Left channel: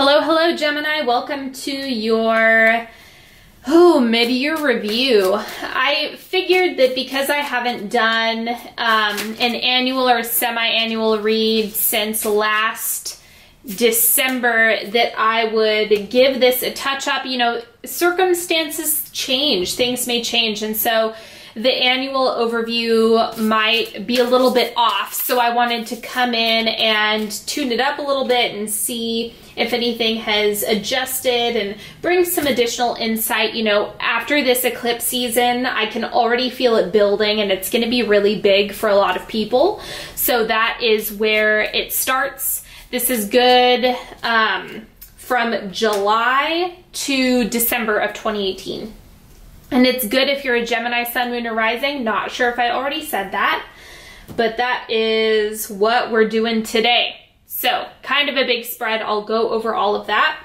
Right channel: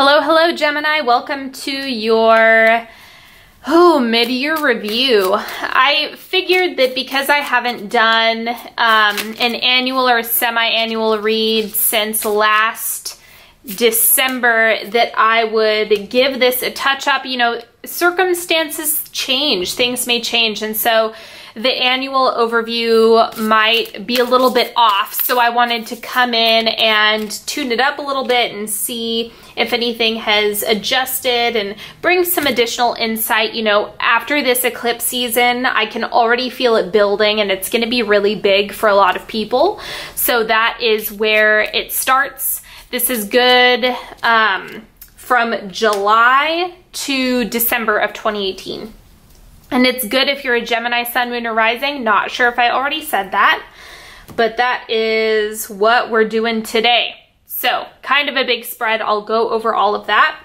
Hello, hello, Gemini. Welcome to your, mid-year review. I figured that because I haven't done an annual or semi-annual read since last December that I would give this a touch-up. You know, circumstances change, things may change, and so the annual overview might be a little bit off. So I wanted to come in and tune it up a little bit and see if anything has adjusted and bring some additional insight. You know, after this eclipse season, I can already feel it building and it's going to be really big for a lot of people. So that is where it starts. This is good from July to December of 2018. And it's good if you're a Gemini, Sun, Moon, or Rising. Not sure if I already said that, but that is what we're doing today. So kind of a big spread. I'll go over all of that.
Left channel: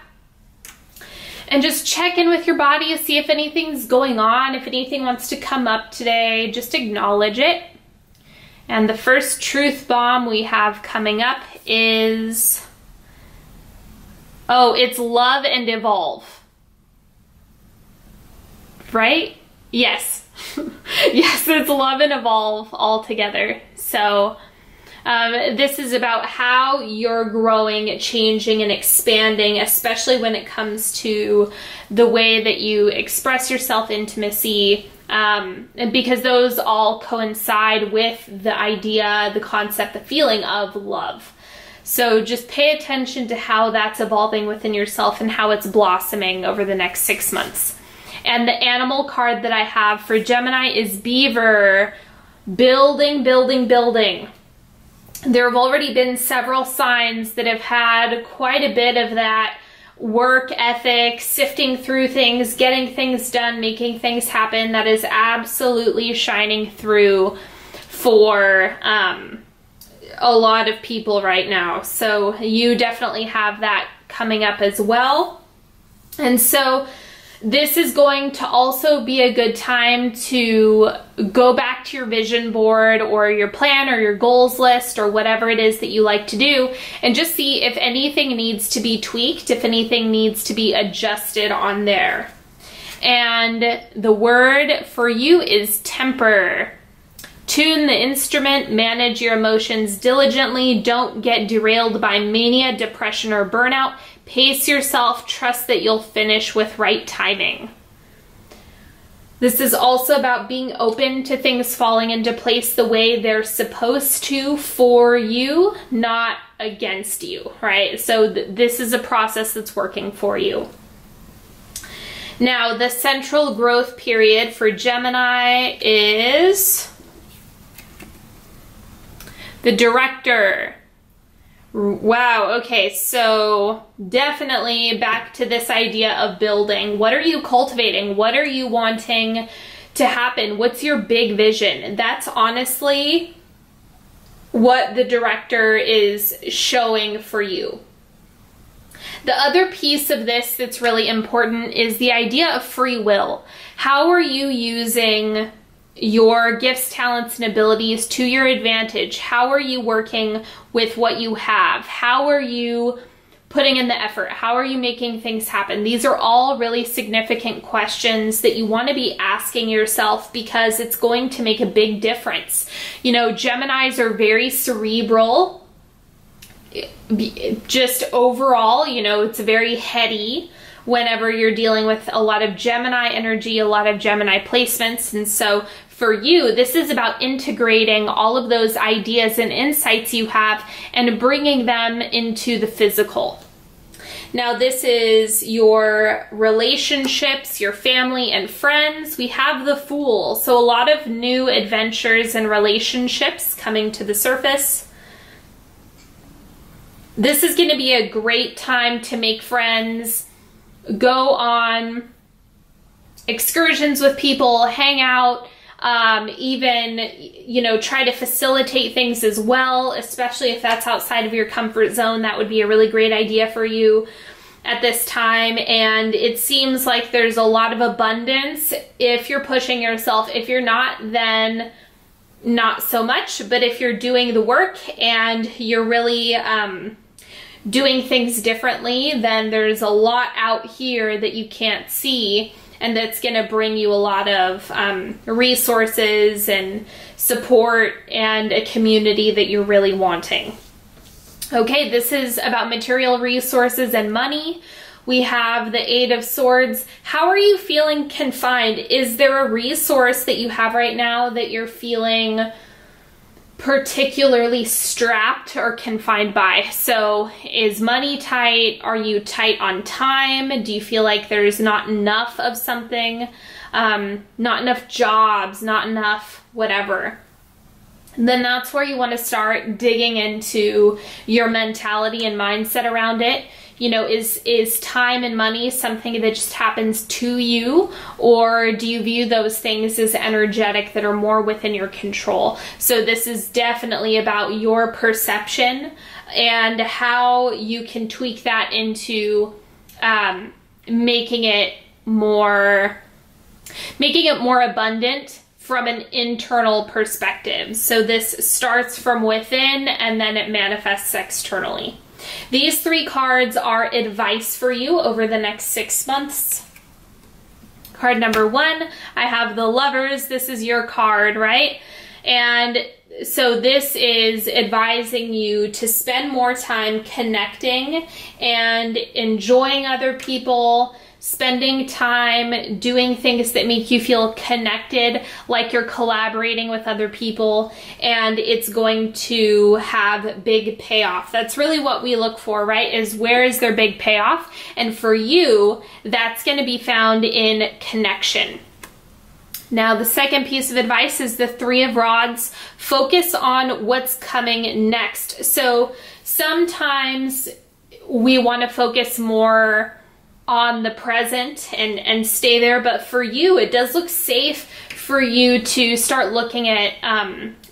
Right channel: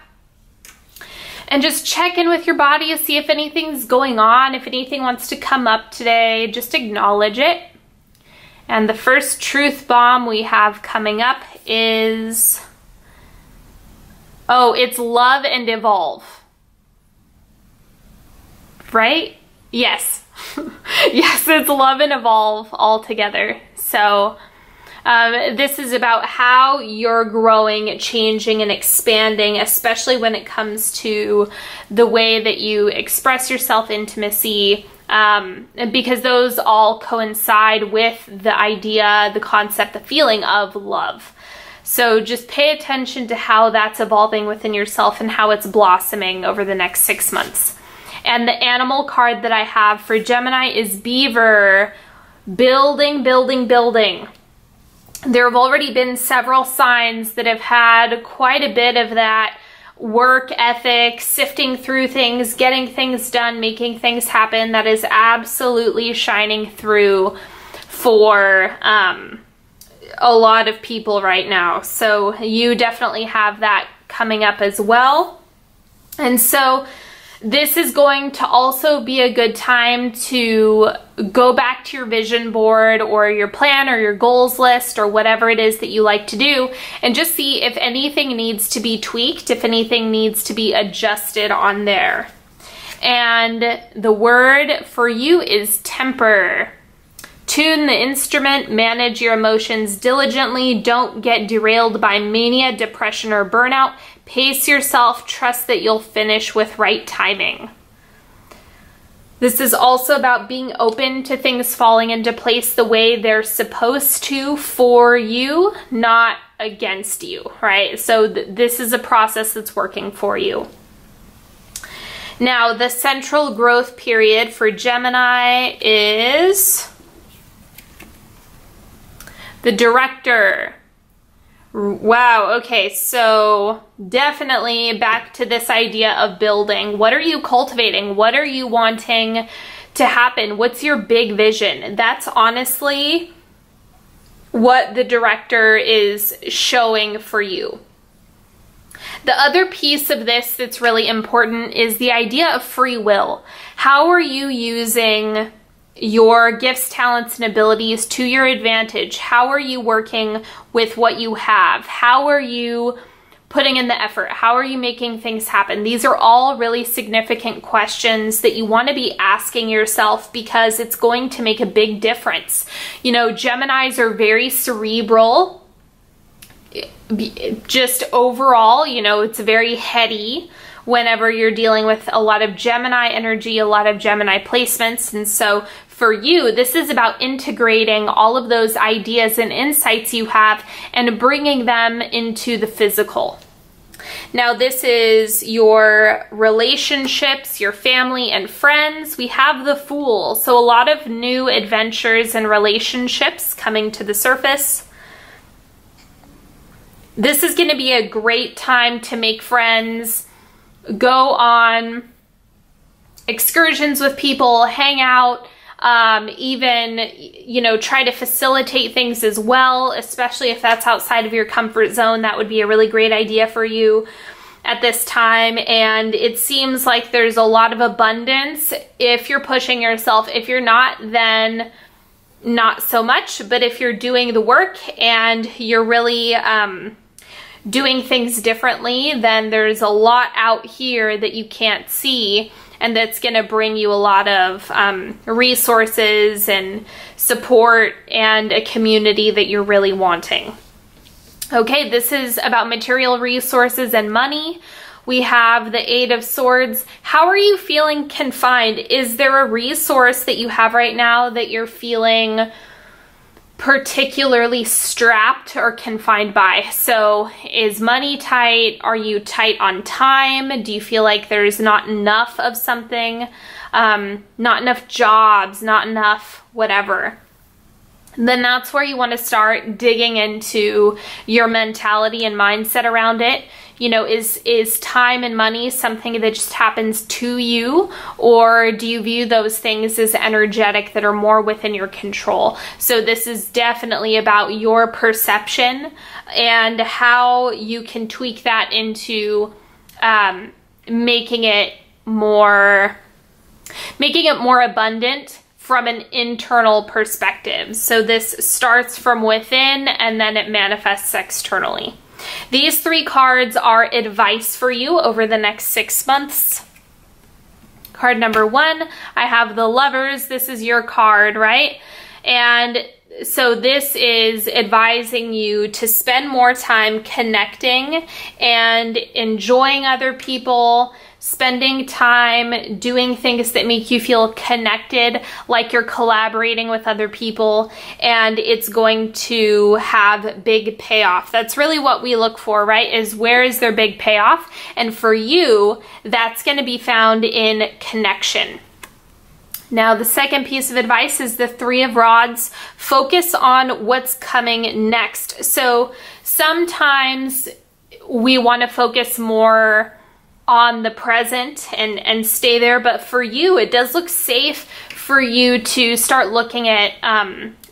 And just check in with your body to see if anything's going on. If anything wants to come up today, just acknowledge it. And the first truth bomb we have coming up is, it's love and evolve. Right? Yes. Yes, it's love and evolve all together. So this is about how you're growing, changing, and expanding, especially when it comes to the way that you express yourself, intimacy, because those all coincide with the idea, the concept, the feeling of love. So just pay attention to how that's evolving within yourself and how it's blossoming over the next 6 months. And the animal card that I have for Gemini is beaver. Building, building, building. There have already been several signs that have had quite a bit of that work ethic, sifting through things, getting things done, making things happen. That is absolutely shining through for a lot of people right now. So you definitely have that coming up as well. And so this is going to also be a good time to go back to your vision board or your plan or your goals list or whatever it is that you like to do and just see if anything needs to be tweaked, if anything needs to be adjusted on there. And the word for you is temper. Tune the instrument, manage your emotions diligently, don't get derailed by mania, depression, or burnout. Pace yourself, trust that you'll finish with right timing. This is also about being open to things falling into place the way they're supposed to for you, not against you, right? So this is a process that's working for you. Now, the central growth period for Gemini is the Director. Wow, okay, so definitely back to this idea of building. What are you cultivating? What are you wanting to happen? What's your big vision? That's honestly what the Director is showing for you. The other piece of this that's really important is the idea of free will. How are you using your gifts, talents, and abilities to your advantage? How are you working with what you have? How are you putting in the effort? How are you making things happen? These are all really significant questions that you want to be asking yourself because it's going to make a big difference. You know, Geminis are very cerebral. Just overall, you know, it's very heady whenever you're dealing with a lot of Gemini energy, a lot of Gemini placements. And so for you, this is about integrating all of those ideas and insights you have and bringing them into the physical. Now, this is your relationships, your family and friends. We have the Fool. So a lot of new adventures and relationships coming to the surface. This is going to be a great time to make friends, go on excursions with people, hang out, even, you know, try to facilitate things as well, especially if that's outside of your comfort zone. That would be a really great idea for you at this time. And it seems like there's a lot of abundance if you're pushing yourself. If you're not, then not so much. But if you're doing the work and you're really doing things differently, then there's a lot out here that you can't see, and that's going to bring you a lot of resources and support and a community that you're really wanting. Okay, this is about material resources and money. We have the Eight of Swords. How are you feeling confined? Is there a resource that you have right now that you're feeling particularly strapped or confined by? So is money tight? Are you tight on time? Do you feel like there's not enough of something? Not enough jobs, not enough whatever? Then that's where you want to start digging into your mentality and mindset around it. You know, is time and money something that just happens to you, or do you view those things as energetic that are more within your control? So this is definitely about your perception and how you can tweak that into making it more abundant from an internal perspective. So this starts from within and then it manifests externally. These three cards are advice for you over the next 6 months. Card number 1, I have the Lovers. This is your card, right? And so this is advising you to spend more time connecting and enjoying other people, spending time doing things that make you feel connected, like you're collaborating with other people, and it's going to have big payoff. That's really what we look for, right? Is where is their big payoff? And for you, that's going to be found in connection. Now, the second piece of advice is the Three of Rods. Focus on what's coming next. So sometimes we want to focus more on the present and stay there, but for you, it does look safe for you to start looking at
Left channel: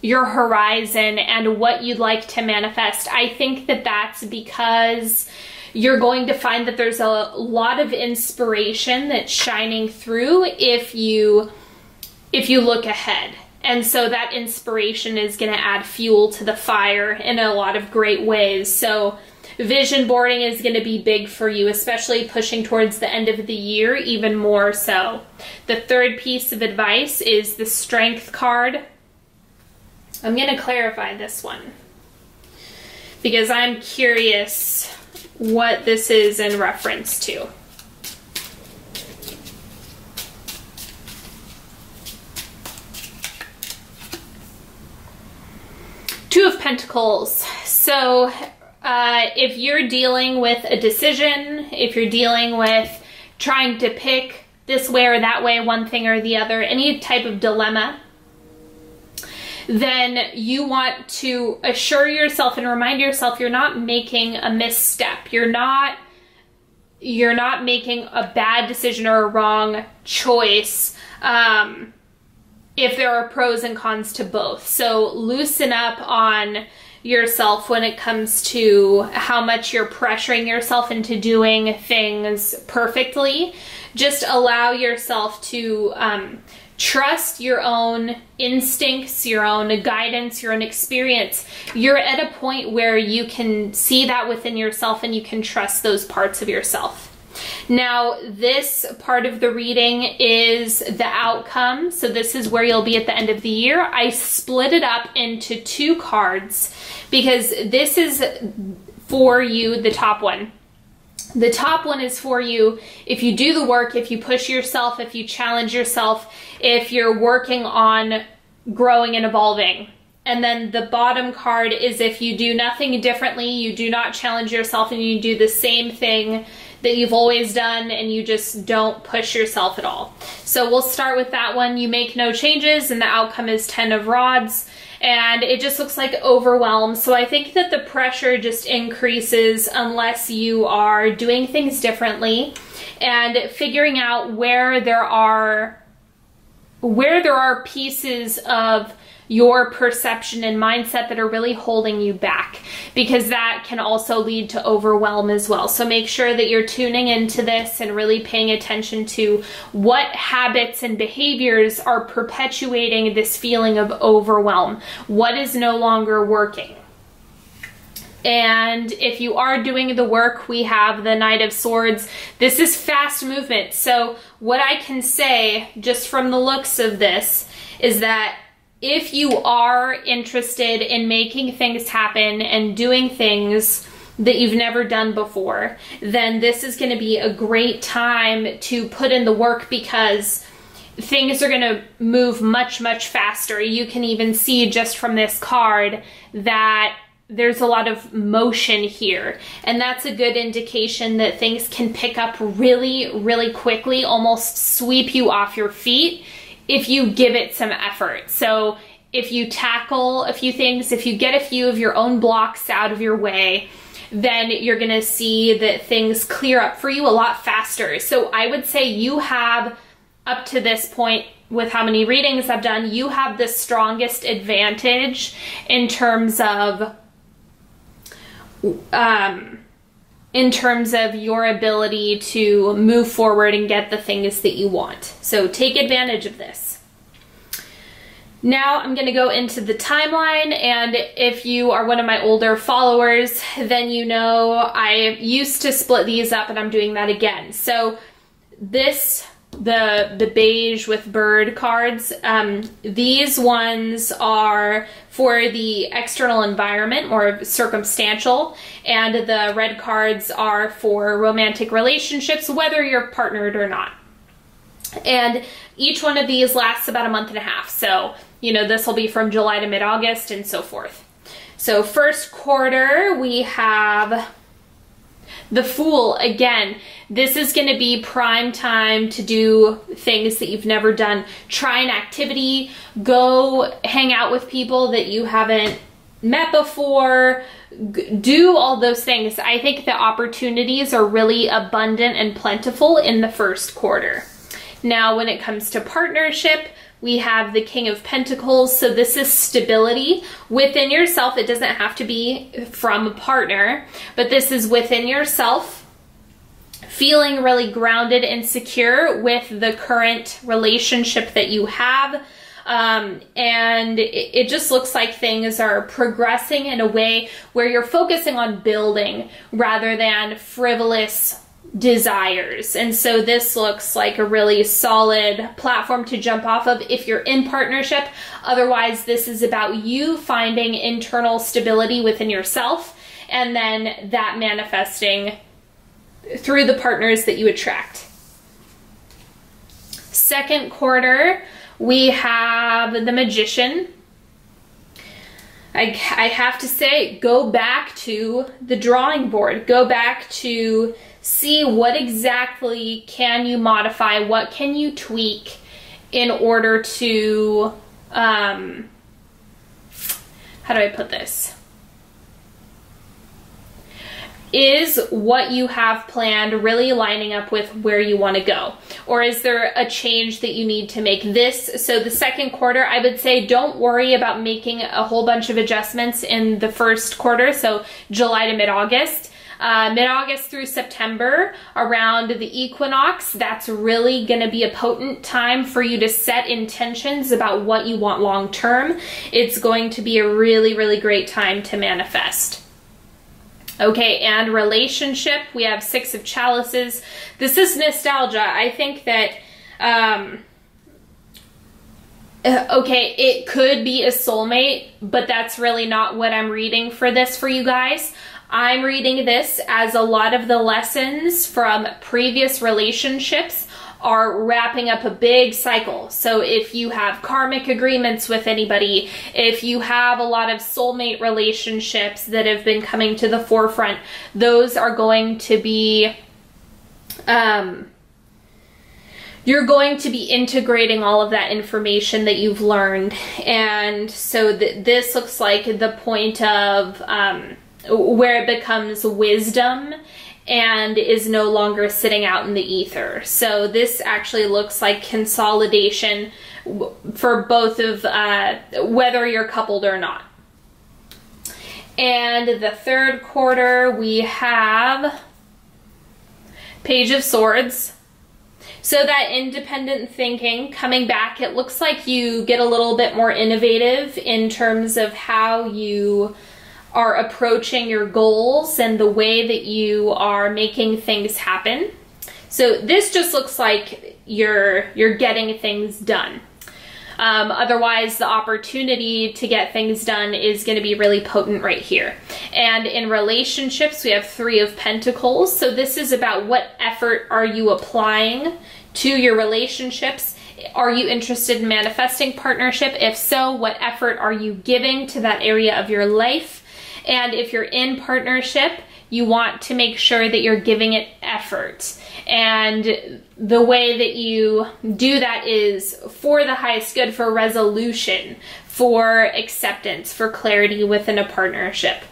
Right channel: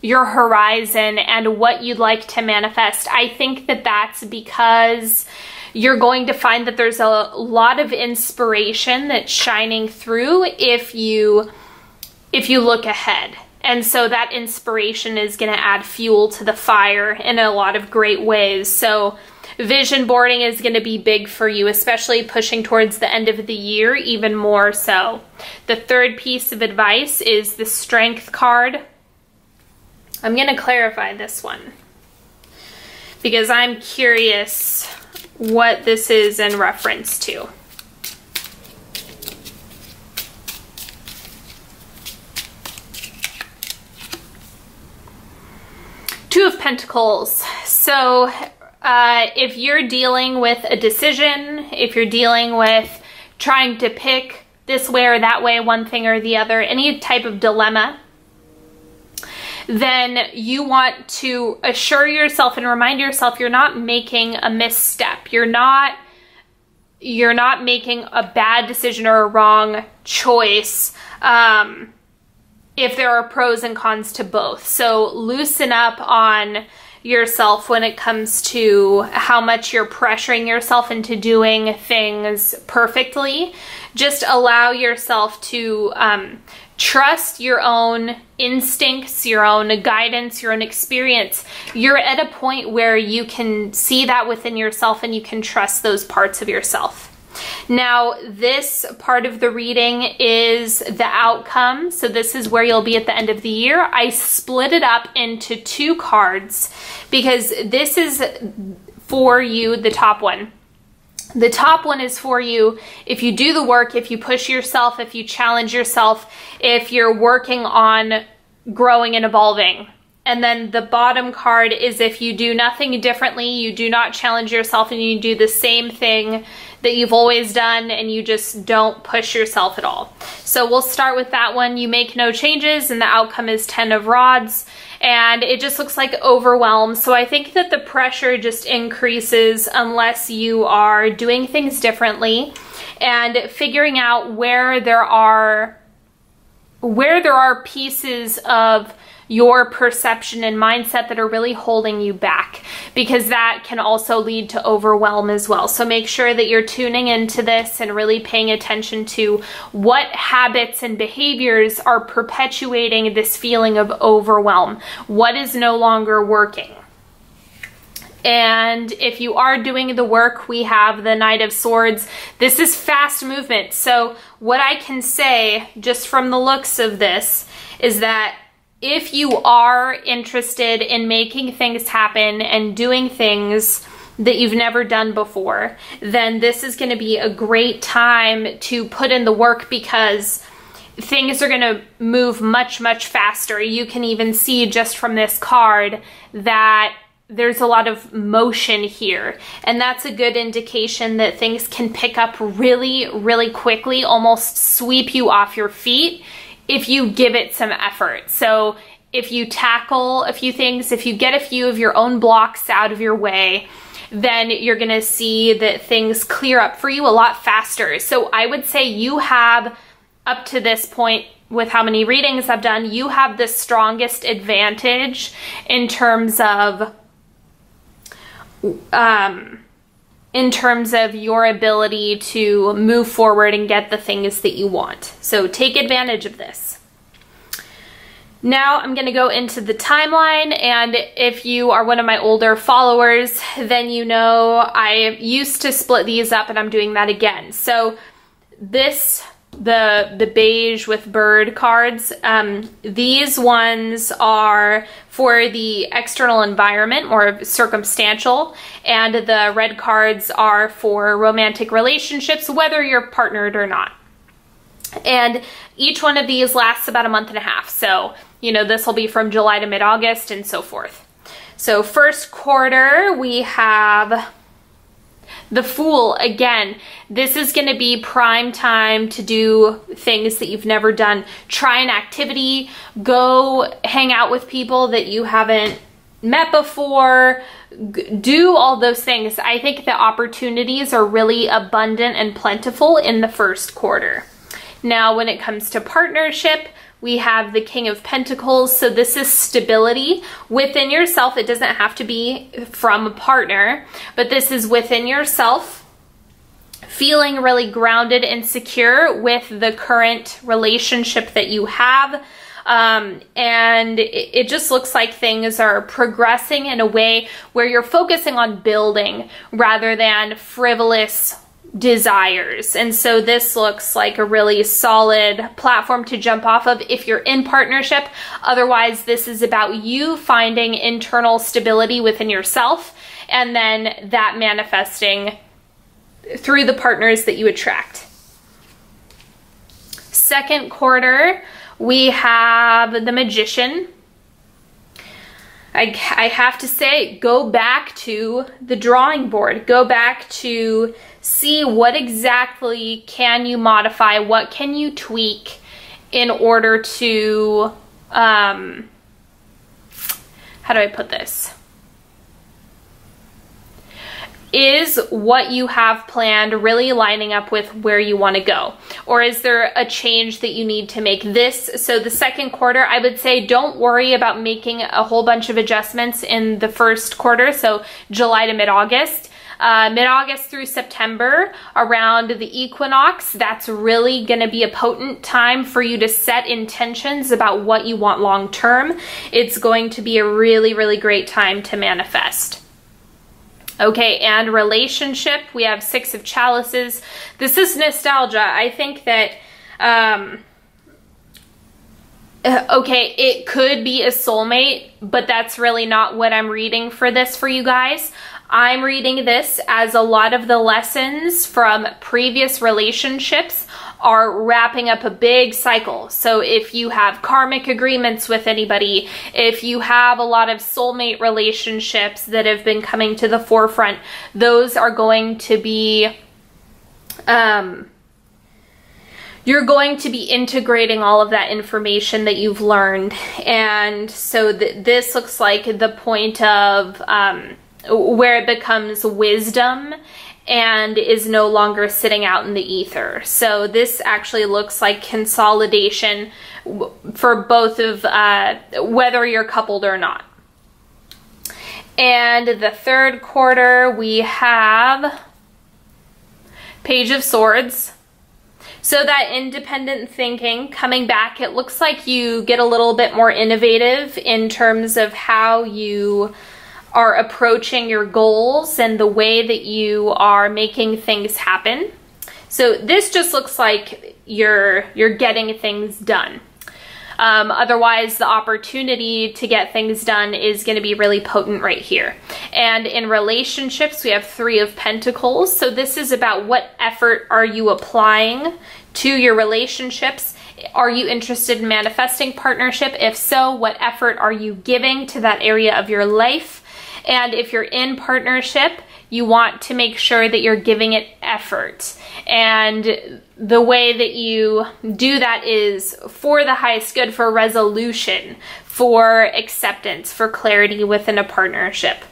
your horizon and what you'd like to manifest. I think that that's because you're going to find that there's a lot of inspiration that's shining through if you look ahead. And so that inspiration is going to add fuel to the fire in a lot of great ways. So vision boarding is going to be big for you, especially pushing towards the end of the year, even more so. The third piece of advice is the Strength card. I'm going to clarify this one because I'm curious what this is in reference to. Two of Pentacles. So if you're dealing with a decision, if you're dealing with trying to pick this way or that way, one thing or the other, any type of dilemma, then you want to assure yourself and remind yourself you're not making a misstep. You're not making a bad decision or a wrong choice. If there are pros and cons to both. So loosen up on yourself when it comes to how much you're pressuring yourself into doing things perfectly. Just allow yourself to trust your own instincts, your own guidance, your own experience. You're at a point where you can see that within yourself and you can trust those parts of yourself. Now, this part of the reading is the outcome. So this is where you'll be at the end of the year. I split it up into 2 cards because this is for you, the top one. The top one is for you if you do the work, if you push yourself, if you challenge yourself, if you're working on growing and evolving. And then the bottom card is if you do nothing differently, you do not challenge yourself, and you do the same thing that you've always done and you just don't push yourself at all. So we'll start with that one. You make no changes and the outcome is 10 of Rods, and it just looks like overwhelm. So I think that the pressure just increases unless you are doing things differently and figuring out where there are pieces of your perception and mindset that are really holding you back, because that can also lead to overwhelm as well. So make sure that you're tuning into this and really paying attention to what habits and behaviors are perpetuating this feeling of overwhelm. What is no longer working? And if you are doing the work, we have the Knight of Swords. This is fast movement. So what I can say, just from the looks of this, is that if you are interested in making things happen and doing things that you've never done before, then this is going to be a great time to put in the work, because things are going to move much, much faster. You can even see just from this card that there's a lot of motion here, and that's a good indication that things can pick up really, really quickly, almost sweep you off your feet if you give it some effort. So if you tackle a few things, if you get a few of your own blocks out of your way, then you're gonna see that things clear up for you a lot faster. So I would say you have, up to this point, with how many readings I've done, you have the strongest advantage in terms of your ability to move forward and get the things that you want. So take advantage of this. Now I'm going to go into the timeline, and if you are one of my older followers, then you know I used to split these up, and I'm doing that again. So this, the beige with bird cards, these ones are for the external environment, more circumstantial, and the red cards are for romantic relationships, whether you're partnered or not. And each one of these lasts about a month and a half. So, you know, this will be from July to mid-August and so forth. So first quarter, we have the Fool. Again, this is going to be prime time to do things that you've never done. Try an activity, go hang out with people that you haven't met before, do all those things. I think the opportunities are really abundant and plentiful in the first quarter. Now, when it comes to partnership, we have the King of Pentacles. So this is stability within yourself. It doesn't have to be from a partner, but this is within yourself, feeling really grounded and secure with the current relationship that you have. And it just looks like things are progressing in a way where you're focusing on building rather than frivolous desires. And so this looks like a really solid platform to jump off of if you're in partnership. Otherwise, this is about you finding internal stability within yourself, and then that manifesting through the partners that you attract. Second quarter, we have the Magician. I have to say, go back to the drawing board. Go back to see what exactly can you modify, what can you tweak in order to, how do I put this? Is what you have planned really lining up with where you want to go? Or is there a change that you need to make? So the second quarter, I would say don't worry about making a whole bunch of adjustments in the first quarter, so July to mid-August. Mid-August through September, around the equinox, that's really going to be a potent time for you to set intentions about what you want long-term. It's going to be a really, really great time to manifest. Okay, and relationship, we have Six of Chalices. This is nostalgia. I think that, okay, it could be a soulmate, but that's really not what I'm reading for this for you guys. I'm reading this as a lot of the lessons from previous relationships are wrapping up a big cycle. So if you have karmic agreements with anybody, if you have a lot of soulmate relationships that have been coming to the forefront, those are going to be, you're going to be integrating all of that information that you've learned. And so this looks like the point of, where it becomes wisdom and is no longer sitting out in the ether. So this actually looks like consolidation for both of, whether you're coupled or not. And the third quarter, we have Page of Swords. So that independent thinking coming back, it looks like you get a little bit more innovative in terms of how you are approaching your goals and the way that you are making things happen. So this just looks like you're getting things done. Otherwise, the opportunity to get things done is going to be really potent right here. And in relationships, we have 3 of Pentacles. So this is about what effort are you applying to your relationships. Are you interested in manifesting partnership? If so, what effort are you giving to that area of your life? And if you're in partnership, you want to make sure that you're giving it effort. And the way that you do that is for the highest good, for resolution, for acceptance, for clarity within a partnership.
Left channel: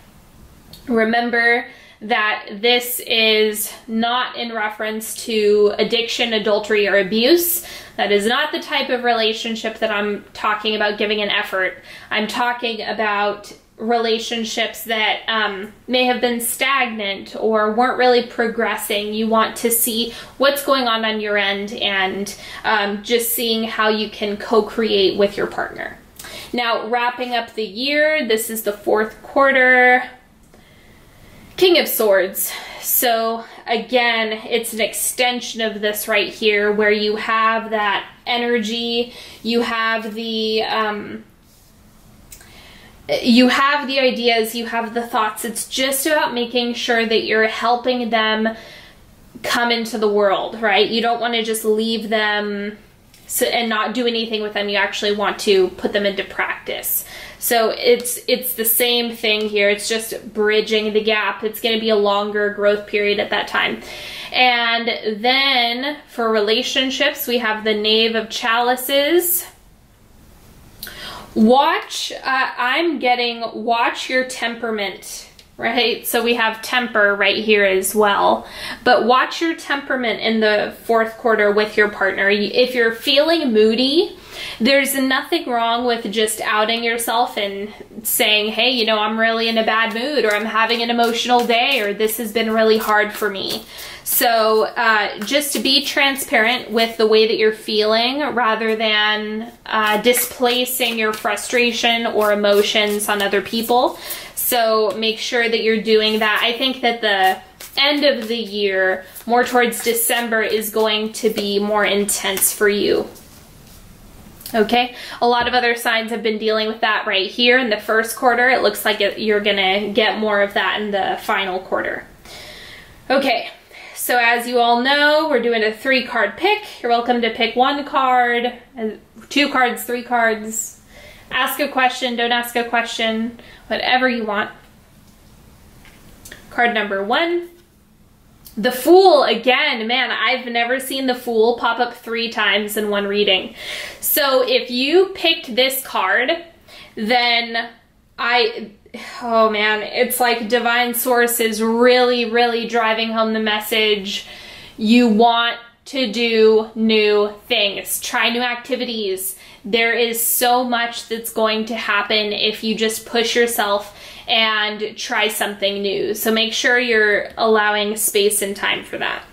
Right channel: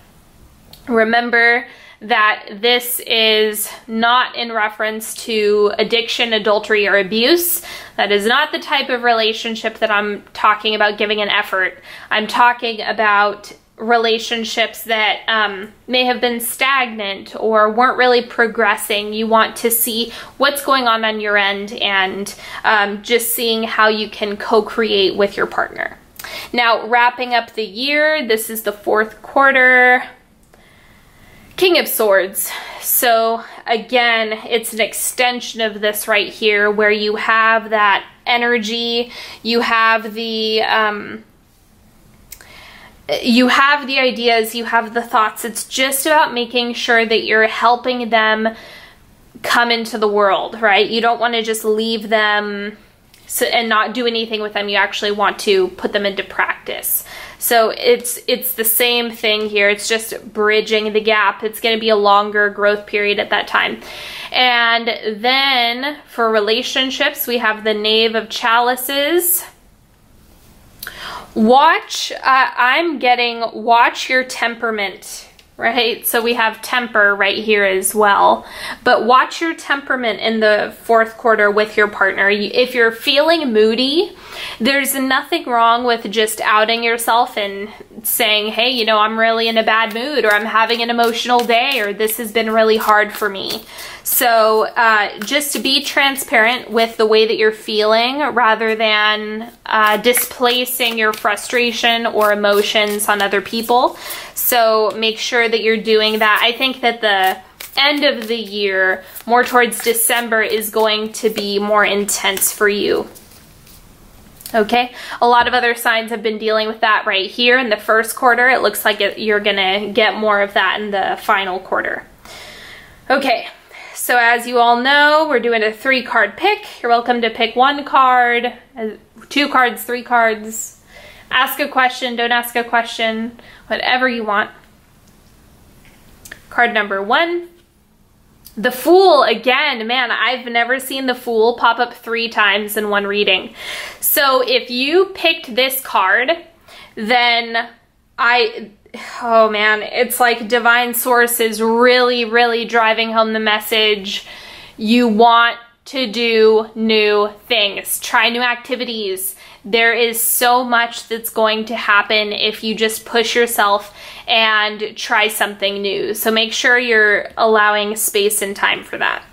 Remember that this is not in reference to addiction, adultery, or abuse. That is not the type of relationship that I'm talking about giving an effort. I'm talking about relationships that may have been stagnant or weren't really progressing. You want to see what's going on your end and just seeing how you can co-create with your partner. Now, wrapping up the year, this is the 4th quarter. King of Swords. So again, it's an extension of this right here where you have that energy, you have the ideas, you have the thoughts. It's just about making sure that you're helping them come into the world, right? You don't want to just leave them and not do anything with them. You actually want to put them into practice. So it's the same thing here. It's just bridging the gap. It's going to be a longer growth period at that time. And then for relationships, we have the Knave of Chalices. Watch your temperament, right? So we have temper right here as well. But watch your temperament in the 4th quarter with your partner. If you're feeling moody, there's nothing wrong with just outing yourself and saying, hey, you know, I'm really in a bad mood, or I'm having an emotional day, or this has been really hard for me. So just to be transparent with the way that you're feeling rather than displacing your frustration or emotions on other people. So make sure that you're doing that. I think that the end of the year, more towards December, is going to be more intense for you. Okay, a lot of other signs have been dealing with that right here in the 1st quarter. It looks like you're gonna get more of that in the final quarter. Okay, so as you all know, we're doing a 3-card pick. You're welcome to pick 1 card, 2 cards, 3 cards. Ask a question, don't ask a question, whatever you want. Card number 1. The Fool, again, man, I've never seen the Fool pop up 3 times in one reading. So if you picked this card, then oh man, it's like Divine Source is really, really driving home the message. You want to do new things, try new activities. There is so much that's going to happen if you just push yourself and try something new. So make sure you're allowing space and time for that.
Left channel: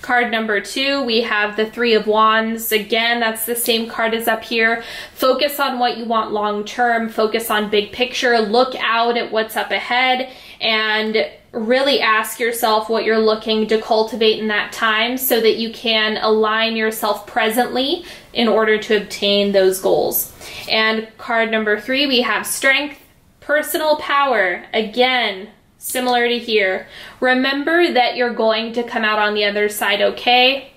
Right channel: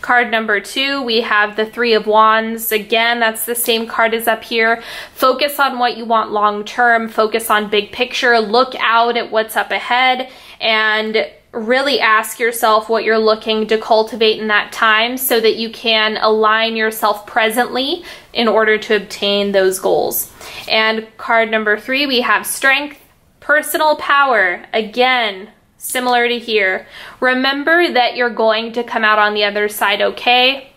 Card number 2, we have the 3 of Wands. Again, that's the same card as up here. Focus on what you want long term. Focus on big picture. Look out at what's up ahead and really ask yourself what you're looking to cultivate in that time so that you can align yourself presently in order to obtain those goals. And card number 3, we have Strength. Personal power, again, similar to here. Remember that you're going to come out on the other side okay.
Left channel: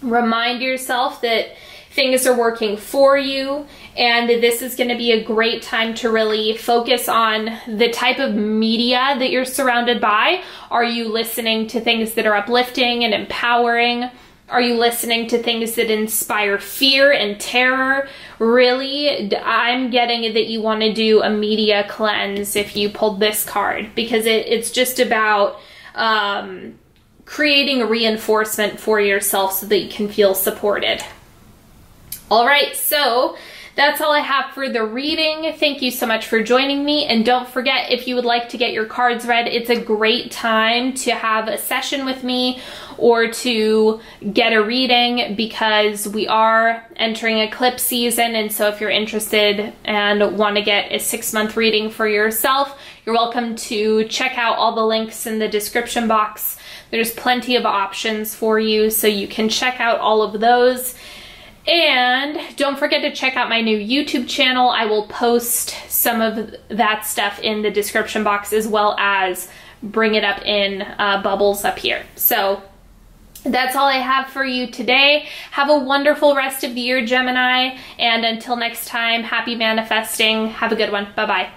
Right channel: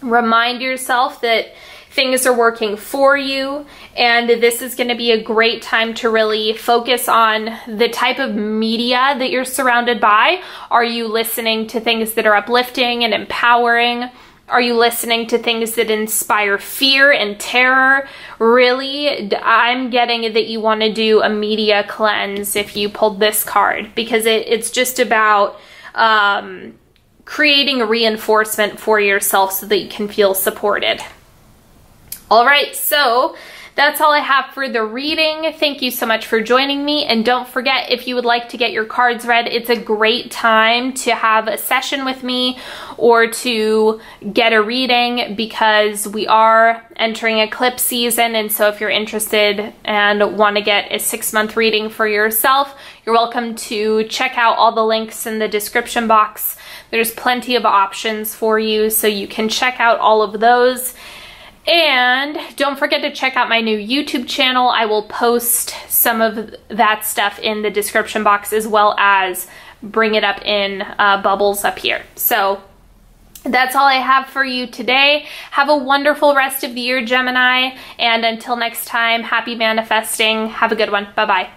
Remind yourself that things are working for you, and this is going to be a great time to really focus on the type of media that you're surrounded by. Are you listening to things that are uplifting and empowering? Are you listening to things that inspire fear and terror? Really, I'm getting that you want to do a media cleanse if you pulled this card, because it's just about creating a reinforcement for yourself so that you can feel supported. All right, so that's all I have for the reading. Thank you so much for joining me. And don't forget, if you would like to get your cards read, it's a great time to have a session with me or to get a reading, because we are entering eclipse season. And so if you're interested and want to get a 6-month reading for yourself, You're welcome to check out all the links in the description box. There's plenty of options for you, so you can check out all of those. And don't forget to check out my new YouTube channel. I will post some of that stuff in the description box, as well as bring it up in bubbles up here. So that's all I have for you today. Have a wonderful rest of the year, Gemini. And until next time, happy manifesting. Have a good one. Bye-bye.